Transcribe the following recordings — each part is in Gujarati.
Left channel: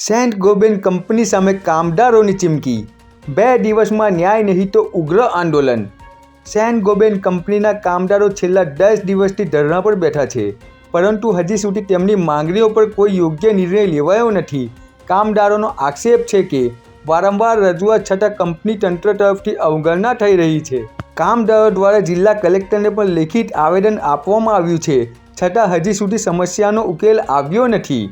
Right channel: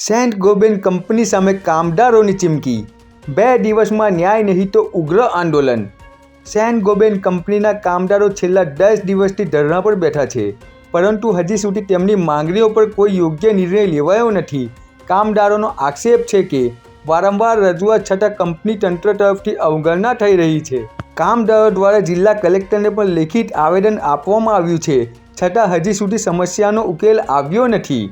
સેન્ટ ગોબેન કંપની સામે કામદારોની ચીમકી. બે દિવસમાં ન્યાય નહીં તો ઉગ્ર આંદોલન. સેન્ટ ગોબેન કંપનીના કામદારો છેલ્લા દસ દિવસથી ધરણા પર બેઠા છે, પરંતુ હજી સુધી તેમની માંગણીઓ પર કોઈ યોગ્ય નિર્ણય લેવાયો નથી. કામદારોનો આક્ષેપ છે કે, વારંવાર રજૂઆત છતાં કંપની તંત્ર તરફથી અવગણના થઈ રહી છે. કામદારો દ્વારા જિલ્લા કલેક્ટરને પણ લેખિત આવેદન આપવામાં આવ્યું છે, છતાં હજી સુધી સમસ્યાનો ઉકેલ આવ્યો નથી.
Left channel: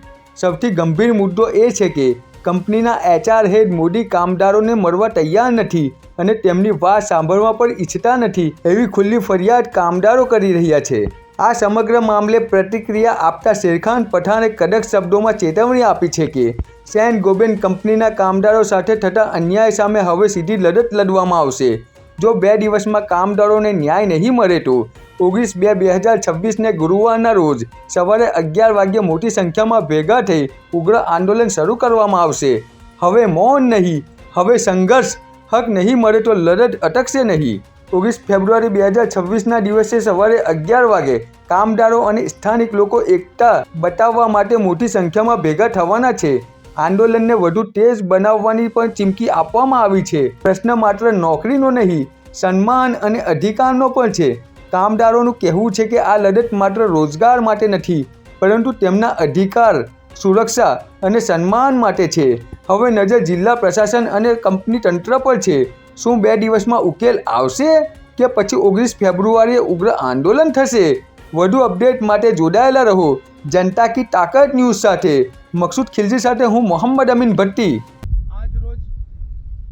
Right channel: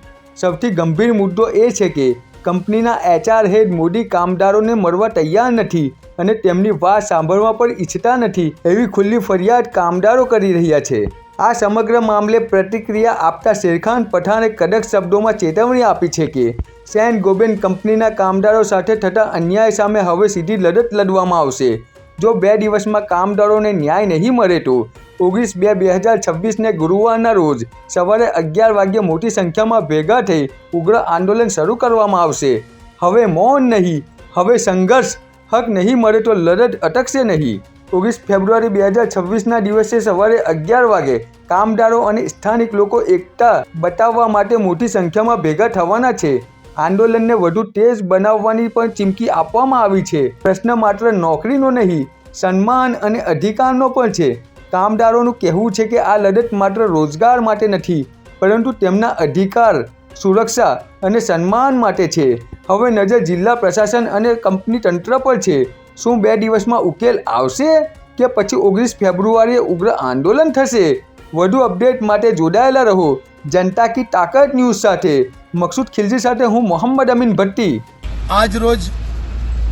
સૌથી ગંભીર મુદ્દો એ છે કે કંપનીના એચઆર હેડ મોદી કામદારોને મળવા તૈયાર નથી અને તેમની વાત સાંભળવા પણ ઈચ્છતા નથી એવી ખુલ્લી ફરિયાદ કામદારો કરી રહ્યા છે. આ સમગ્ર મામલે પ્રતિક્રિયા આપતા શેરખાન પઠાણે કડક શબ્દોમાં ચેતવણી આપી છે કે સેન ગોબેન કંપનીના કામદારો સાથે થતા અન્યાય સામે હવે સીધી લડત લડવામાં આવશે. જો બે દિવસમાં કામદારોને ન્યાય નહીં મળે તો? ઓગણીસ બે બે હજાર છવ્વીસને ગુરુવારના રોજ સવારે અગિયાર વાગ્યે મોટી સંખ્યામાં ભેગા થઈ ઉગ્ર આંદોલન શરૂ કરવામાં આવશે. હવે મૌન નહીં, હવે સંઘર્ષ, હક નહીં મળે તો લડત અટકશે નહીં. ઓગણીસ ફેબ્રુઆરી બે હજાર છવ્વીસના દિવસે સવારે અગિયાર વાગે કામદારો અને સ્થાનિક લોકો એકતા બતાવવા માટે મોટી સંખ્યામાં ભેગા થવાના છે. આંદોલનને વધુ તેજ બનાવવાની પણ ચીમકી આપવામાં આવી છે. પ્રશ્ન માત્ર નોકરીનો નહીં, સન્માન અને અધિકારનો પણ છે. કામદારોનું કહેવું છે કે આ લડત માત્ર રોજગાર માટે નથી, પરંતુ તેમના અધિકાર, સુરક્ષા અને સન્માન માટે છે. હવે નજર જિલ્લા પ્રશાસન અને કંપની તંત્ર પર છે. શું બે દિવસમાં ઉકેલ આવશે કે પછી ઓગણીસ ફેબ્રુઆરીએ ઉગ્ર આંદોલન થશે? વધુ અપડેટ માટે જોડાયેલા રહો. જનતા કી તાકાત ન્યૂઝ સાથે. મકસૂદ ખિલજી સાથે હું મોહમ્મદ અમીન ભટ્ટી. આજ રોજ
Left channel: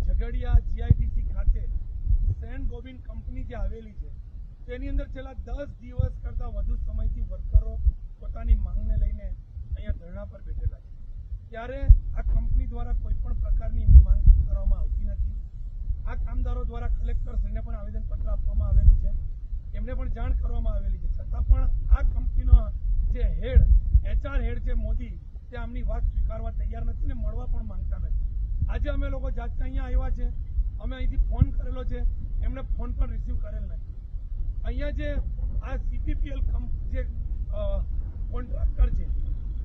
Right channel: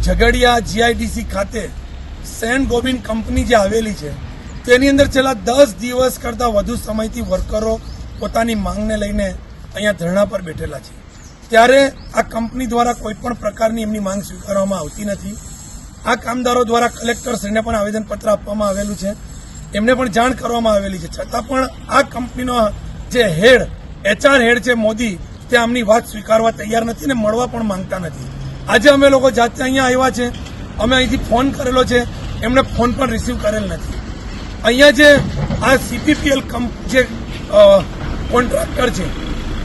ઝઘડિયા જીઆઈડીસી ખાતે સેન્ટ ગોબિન કંપની જે આવેલી છે, તેની અંદર છેલ્લા દસ દિવસ કરતાં વધુ સમયથી વર્કરો પોતાની માંગને લઈને અહીંયા ધરણા પર બેઠેલા છે. ત્યારે આ કંપની દ્વારા કોઈ પણ પ્રકારની એમની માંગ સ્વીકારવામાં આવતી નથી. આ કામદારો દ્વારા કલેક્ટરશ્રીને પણ આવેદનપત્ર આપવામાં આવેલું છે. એમને પણ જાણ કરવામાં આવેલી છે. છતાં પણ આ કંપનીનો જે હેડ, એચઆર હેડ છે મોદી તે આમની વાત સ્વીકારવા તૈયાર નથી ને મળવા પણ માંગતા નથી. આજે અમે લોકો જાતે અહીંયા આવ્યા છે, અમે અહીંથી ફોન કરેલો છે, એમણે ફોન પણ રિસીવ કરેલ નથી. અહીંયા જે આ સીપીપીએલ જે કોન્ટ્રાક્ટર છે,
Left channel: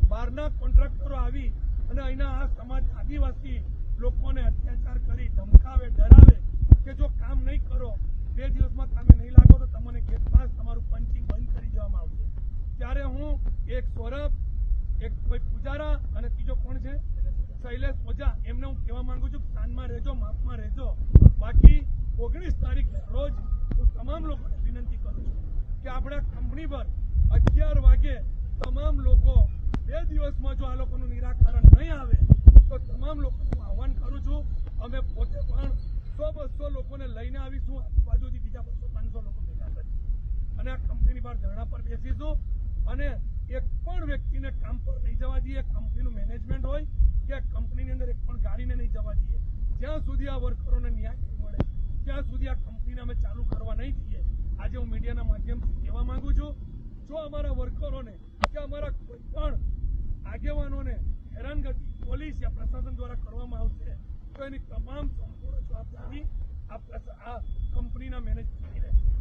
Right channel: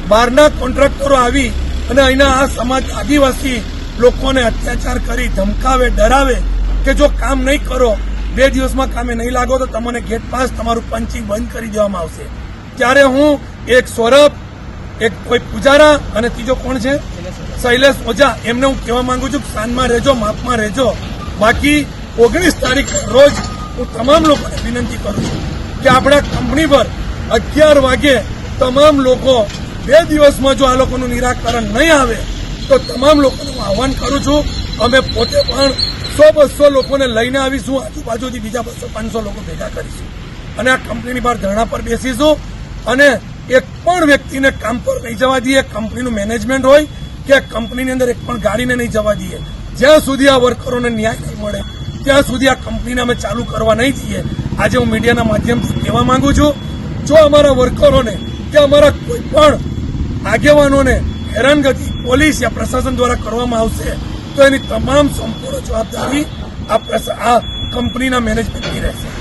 બહારના કોન્ટ્રાક્ટરો આવી અને અહીંના આ સમાજ આદિવાસી લોકોને અત્યાચાર કરી, ધમકાવે, ડરાવે કે જો કામ નહીં કરો, બે દિવસમાં કામે નહીં લાગો તો તમને ગેટ પાસ તમારું પંચિંગ બંધ કરી દેવામાં આવશે. ત્યારે હું એક સૌરભ એક કોઈ પૂજારા અને ત્રીજો કોણ છે? શૈલેષ ઓઝા. એમને હું કહેવા માંગુ છું સાંજમાં રહેજો, માપમાં રહેજો. બાકી ઓગણીસ તારીખ રોજ હું તમામ લોકોને વિનંતી કરું છું કે આપણા કંપની પર અગિયાર વાગે તમામ લોકો બે દિવસમાં જો આ લોકોનું નિરાકરણ નહીં આવે, તો તમામ લોકોનું હું આહવાન કરું છું. અમે પોતે પણ સો બસો લોકોને લઈને આવીશું, આજુબાજુથી બીજા બસો પાંચસો લોકો ભેગા કરીશું. અને આ કંપનીની બહાર ધરણા પર બેસીશું. અને એક પણ વ્યક્તિને કામ પર નહીં જવા દઈએ. કંપનીનું મેનેજમેન્ટ હોય કે કંપનીની અંદર એક પણ ગાડીને નહીં જવા દઈએ. જ્યાં સુધી આ વર્કરોને ન્યાય નહીં મળે, ત્યાં સુધી આ કંપનીને અમે ચાલુ કરવા નહીં દઈએ. આજે હું મીડિયાના માધ્યમથી કહેવા માંગુ છું, જો અમારા વર્કરોને કે અમારા કોઈ પણ આગેવાનોને હેરાનગતિ પોલીસ યા પ્રશાસન દ્વારા કરવામાં આવશે, તો એની તમામ સંપૂર્ણ જવાબદારી આ કંપનીના મેનેજમેન્ટની રહેશે.